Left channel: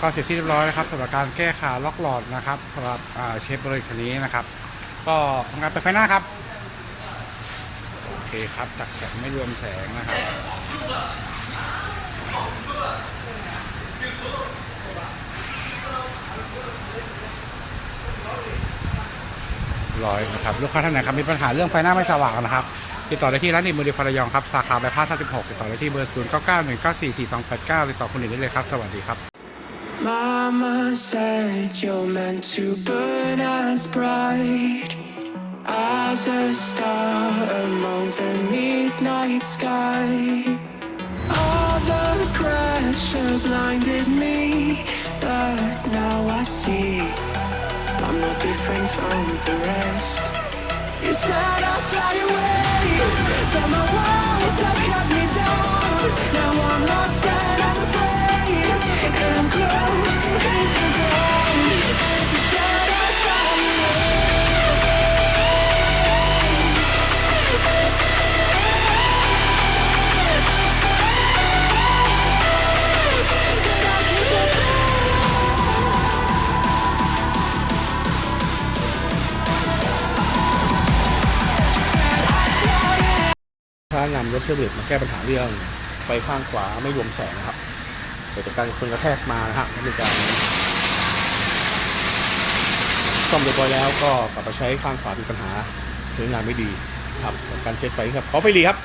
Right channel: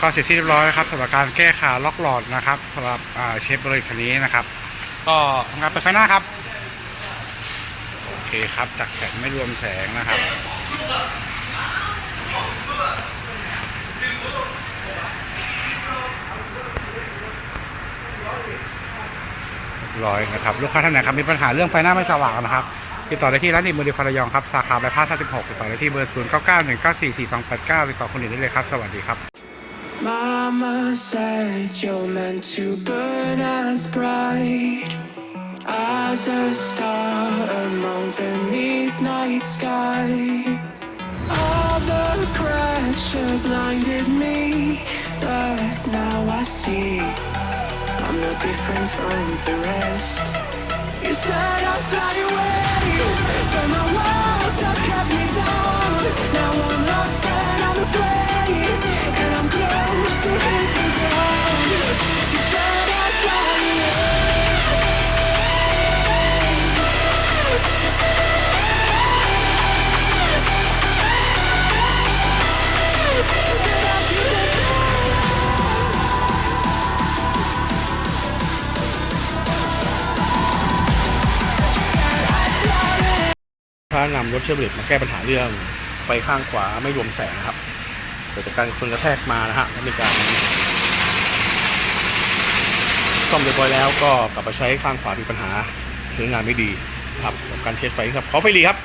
ก็เสร็จที่เรียบร้อยนะครับสำหรับการแก้ขาล็อกหลอดนะครับสำหรับเชฟบริคันนี้นะครับ ก็ทำการเปิดไฟหน้าครับ โอเคครับจากแสงไม่รวมแสงนะครับร้อยนะครับลูกค้าท่านไหนครับมีปัญหาเรื่องไฟหน้าไม่สว่างนะครับติดต่อได้ที่ร้านอิมูดิฟารยองครับสาขาใบพาส36ติดต่อได้ที่เบอร์0 9 9 1 9 4 4 2 8 9ติดต่อคนอื่นได้เลยครับ สวัสดีครับ Mama said you're meant to burn as bright as a star among the midnight sky. All the pressure blinded me, but now I see I'm not different from the rest. You said I'd fly away, but my walls have kept me down. Now I'm ถ้านำรถเชฟเรตมาแก้ปัญหาเรื่องไฟข้างขวาไม่รวมแสงนะครับเกิดจากการชนกระแทกมานะฮะมีการซ่อมเรียบร้อยแล้วก็กลับมาใช้ข้างขวามีปัญหาใช้งานไม่ดีครับกับการเทสไฟครับขอไฟรีครับ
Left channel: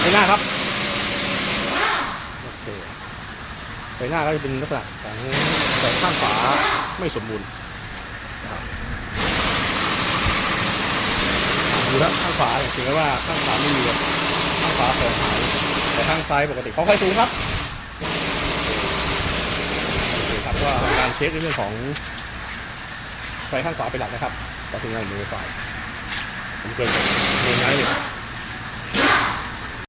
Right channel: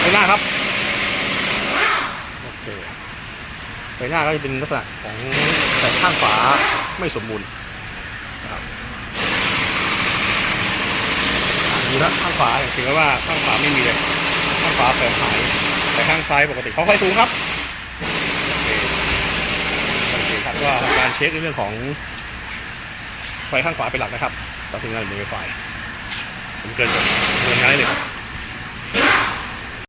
ไฟหน้าครับโอเคไฟหน้าก็จะเป็นลักษณะของ แสงข้างขวาไม่สมบูรณ์นะครับดูนะข้างขวาอย่างถึงแม้ว่าข้างขวาไม่มีเลยข้างขวาแสงหายแต่ข้างซ้ายปกติขอไฟสูงครับโอเคโอเคครับก็ทำการเช็คในเรื่องของไฟข้างขวาเป็นหลักนะครับต่อถึงงานมือไฟผมเกินจากเงินง่ายเลยครับ